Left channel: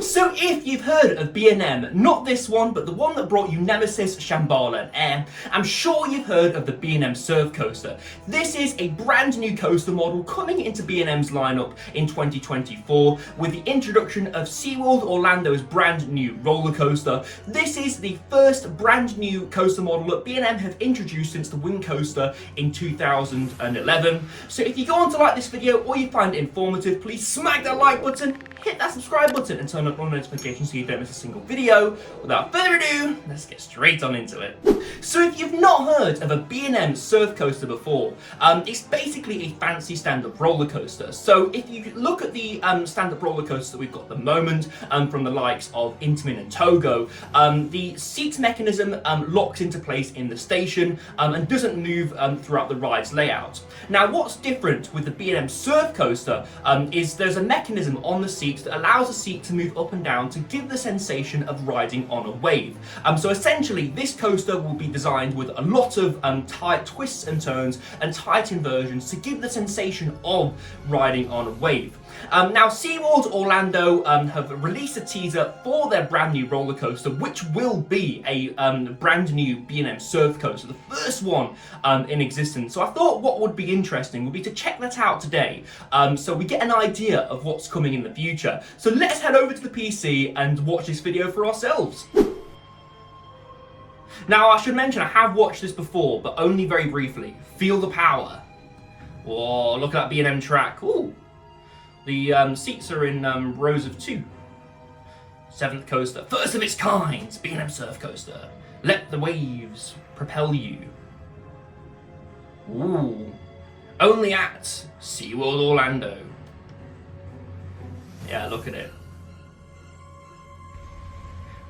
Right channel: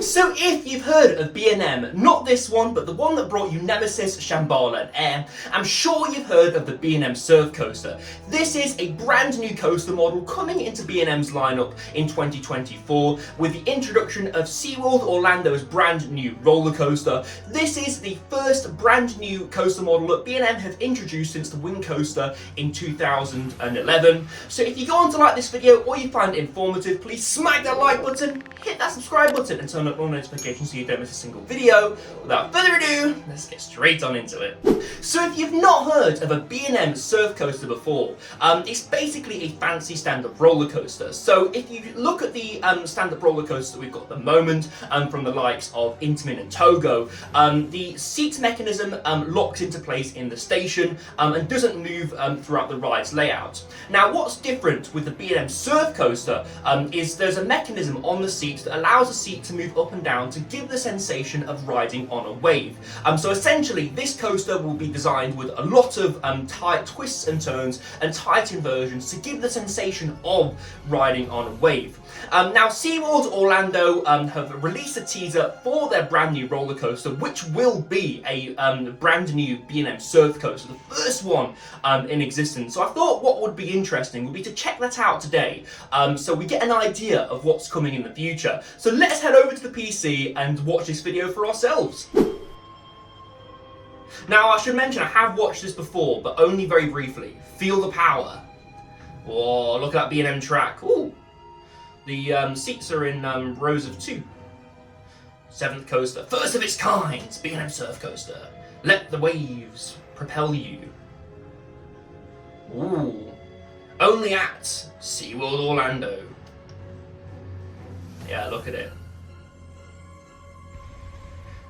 So if you've heard of B&M, not this one, but the one that brought you Nemesis, Shambhala and Air, I'm sure you've heard of the B&M Surf Coaster. This is a brand new coaster model coming into B&M's lineup in 2024 with the introduction of Seaworld Orlando's brand new roller coaster. This is the first brand new coaster model that B&M have introduced since the Wing Coaster in 2011. So if you go on to like this video or you find it informative, please smack that like button, hit that subscribe button and turn up on notifications so you don't miss a single video. Without further ado, let's get straight on into it. So if you've not heard of a B&M Surf Coaster before, it's basically a fancy stand-up roller coaster. So if you look at the stand-up roller coaster that we've got at the moment, from the likes of Intamin and Togo, the seat mechanism locks into place in the station and doesn't move throughout the ride's layout. Now what's different with the B&M Surf Coaster is there's a mechanism on the seat that allows the seat to move up and down to give the sensation of riding on a wave. So essentially this coaster will be designed with a lot of tight twists and turns and tight inversions to give the sensation of riding on a wave. Now Seaworld Orlando have released a teaser for their brand new roller coaster, which will be a brand new B&M Surf Coaster, the first one in existence. So I thought what would be interesting would be to check that out today, so we get an idea of what's coming in the future. So let's head over to the PC and watch this video for ourselves. Now I should mention I have watched this before, but only very briefly. Feel the power. Oh, look at that B&M track. Ooh. The seats are in rows of 2. 7th coaster, first of its kind, B&M Surf Coaster. Let the waves propel you. Ooh. Only at Seaworld Orlando. Yeah, look at it.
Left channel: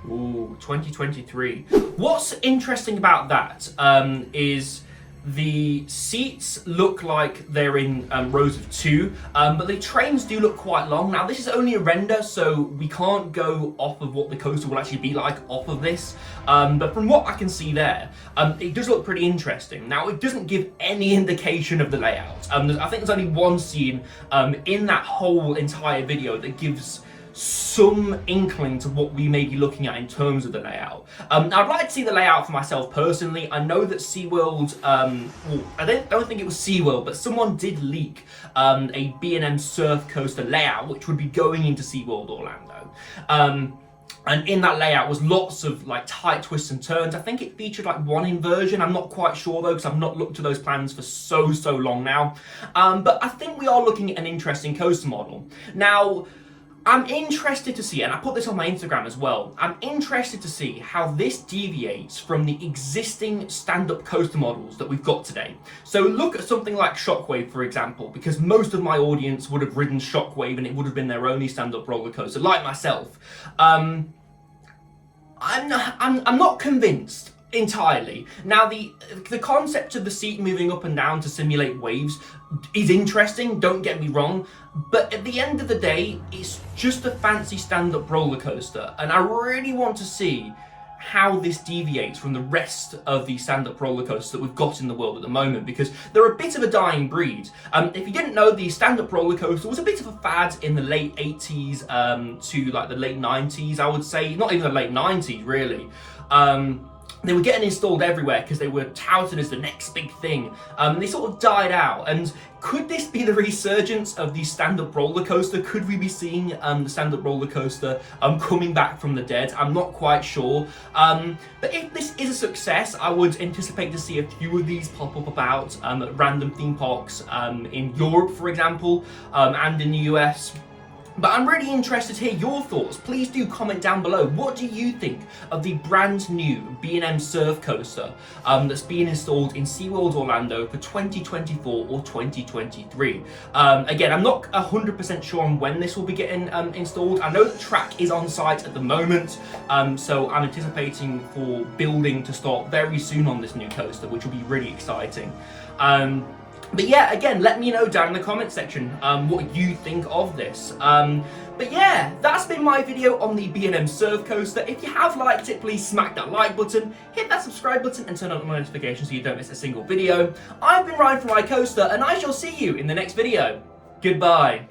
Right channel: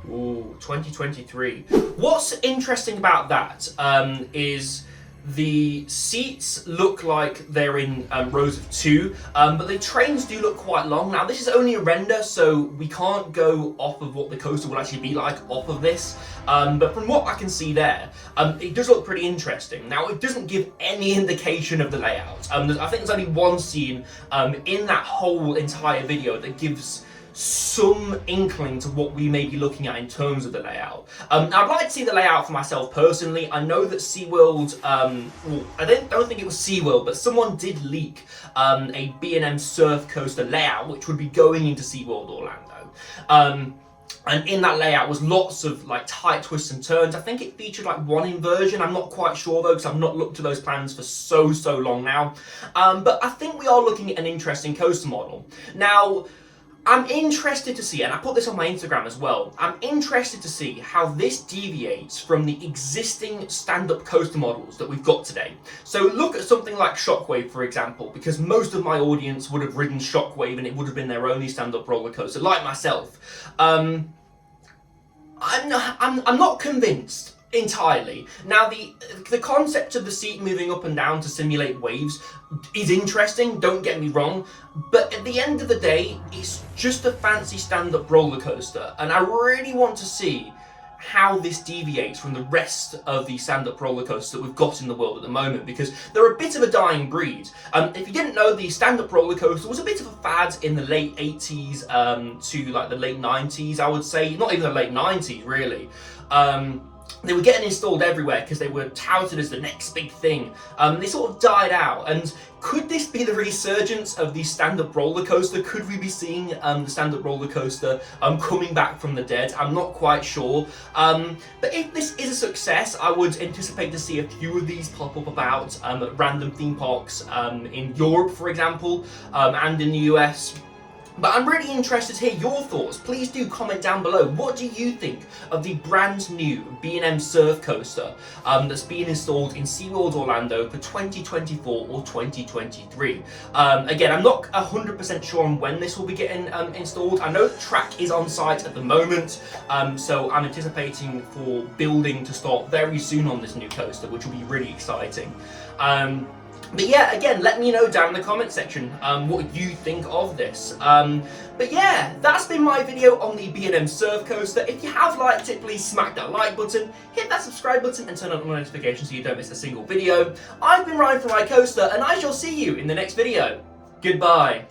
Ooh, 2023. What's interesting about that is the seats look like they're in rows of 2, but the trains do look quite long. Now this is only a render, so we can't go off of what the coaster will actually be like off of this, but from what I can see there, it does look pretty interesting. Now it doesn't give any indication of the layout. I think there's only one scene in that whole entire video that gives some inkling to what we may be looking at in terms of the layout. I'd like to see the layout for myself personally. I know that SeaWorld, well, I don't think it was SeaWorld, but someone did leak a B&M Surf Coaster layout, which would be going into SeaWorld Orlando. And in that layout was lots of like tight twists and turns. I think it featured like one inversion. I'm not quite sure though, because I've not looked at those plans for so long now. But I think we are looking at an interesting coaster model. Now, I'm interested to see, and I put this on my Instagram as well, I'm interested to see how this deviates from the existing stand-up coaster models that we've got today. So look at something like Shockwave, for example, because most of my audience would have ridden Shockwave and it would have been their only stand-up roller coaster, like myself. I'm not convinced entirely. Now the concept of the seat moving up and down to simulate waves is interesting, don't get me wrong, but at the end of the day it's just a fancy stand-up roller coaster, and I really want to see how this deviates from the rest of the stand-up roller coasters that we've got in the world at the moment, because they're a bit of a dying breed. If you didn't know, the stand-up roller coaster was a bit of a fad in the late 80s to like the late 90s, I would say. Not even the late 90s really. They were getting installed everywhere because they were touted as the next big thing. They sort of died out. And could this be the resurgence of the stand-up roller coaster? Could we be seeing the stand-up roller coaster coming back from the dead? I'm not quite sure. But if this is a success, I would anticipate to see a few of these pop up about at random theme parks in Europe, for example, and in the US. But I'm really interested to hear your thoughts. Please do comment down below. What do you think of the brand new B&M Surf Coaster that's being installed in SeaWorld Orlando for 2024 or 2023? Again, I'm not 100% sure on when this will be getting installed. I know the track is on site at the moment, so I'm anticipating for building to start very soon on this new coaster, which will be really exciting. But yeah, again, let me know down in the comment section what you think of this. But yeah, that's been my video on the B&M Surf Coaster. If you have liked it, please smack that like button, hit that subscribe button and turn on notifications so you don't miss a single video. I've been Ryan from iCoaster and I shall see you in the next video. Goodbye.